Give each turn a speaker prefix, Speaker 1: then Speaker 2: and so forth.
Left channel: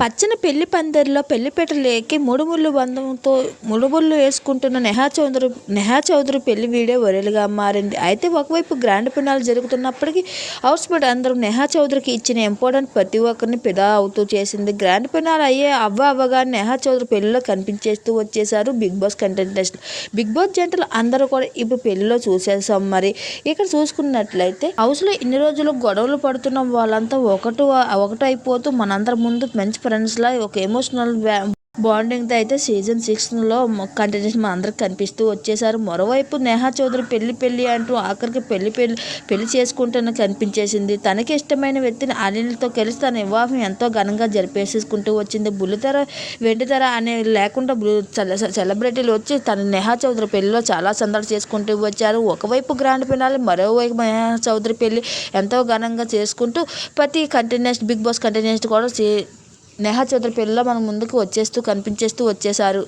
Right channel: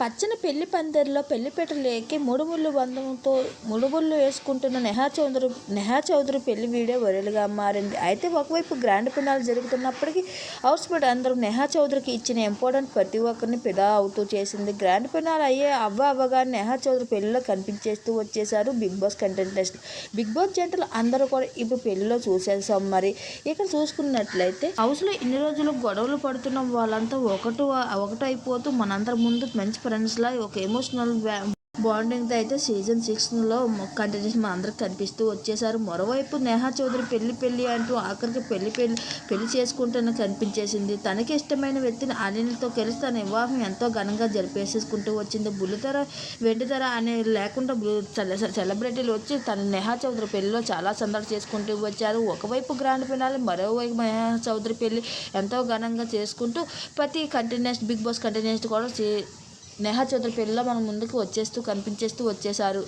Speaker 1: పచ్చని పెళ్ళి పందిరిలో పెళ్ళిపీటలు ఎక్కి ముడుముళ్ళు బంధంతో ముడుముళ్ళు వేసుకుంటున్న నెహా చౌదరి నెహా చౌదరి పెళ్ళి వీడియో వైరల్గా మారింది. అయితే ఒకవైపు గ్రాండ్ ఫినాల్ జరుగుతున్నప్పటికీ హౌస్ మేట్ అందరూ నెహా చౌదరికి ఇచ్చిన ఇంపార్టెంట్ ప్రతి ఒక్కరిని పిదా అవుతూ చేసింది. గ్రాండ్ ఫినాల్ అయ్యే అవ్వ అవ్వగానే నెహా చౌదరి పెళ్ళిలో కనిపించేస్తూ వచ్చేసారు Bigg Boss contestant Bigg Boss జంటలు అందరూ కూడా ఇప్పుడు పెళ్ళిలో చూసేసాం మరి. ఇక్కడ చూసుకున్నట్లయితే హౌస్లో ఇన్ని రోజులు గొడవలు పడుతున్న వాళ్ళంతా ఒకటి ఒకటైపోతూ మనందరి ముందు మంచి ఫ్రెండ్స్లా ఒక ఎమోషనల్ బాండింగ్తో అయితే సీజన్ సిక్స్లో కంటిన్యూస్ మా అందరికి కనిపిస్తూ వచ్చేసారు. మరోవైపు నేహా చౌదరి పెళ్ళి పెళ్ళి అంటూ ఆఖరికి పెళ్ళి పెళ్ళి పెళ్ళి చేసుకుంటూనే కనిపించేసింది. తనకి ఇష్టమైన వ్యక్తిని అనిల్తో కలిసి తన వివాహం ఎంతో ఘనంగా జరిపేసేసుకుంటూ వచ్చింది. బుల్లితెర వెండితెర అనే లేకుండా సెలబ్రిటీలు వచ్చి తన నేహా చౌదరి పెళ్ళిలో చాలా సందడి చేసుకుంటూ వచ్చారు. ఒకవైపు గ్రాండ్ ఫినాలి మరోవైపు నేహా చౌదరి పెళ్ళి ఎంతో ఘనంగా చేసుకుంటూ ప్రతి కంటిన్యూస్ బిగ్ బాస్ కంటిన్యూస్ కూడా నేహా చౌదరి పేరులో మన ముందుకు వచ్చేస్తూ కనిపించేస్తూ వచ్చేసారు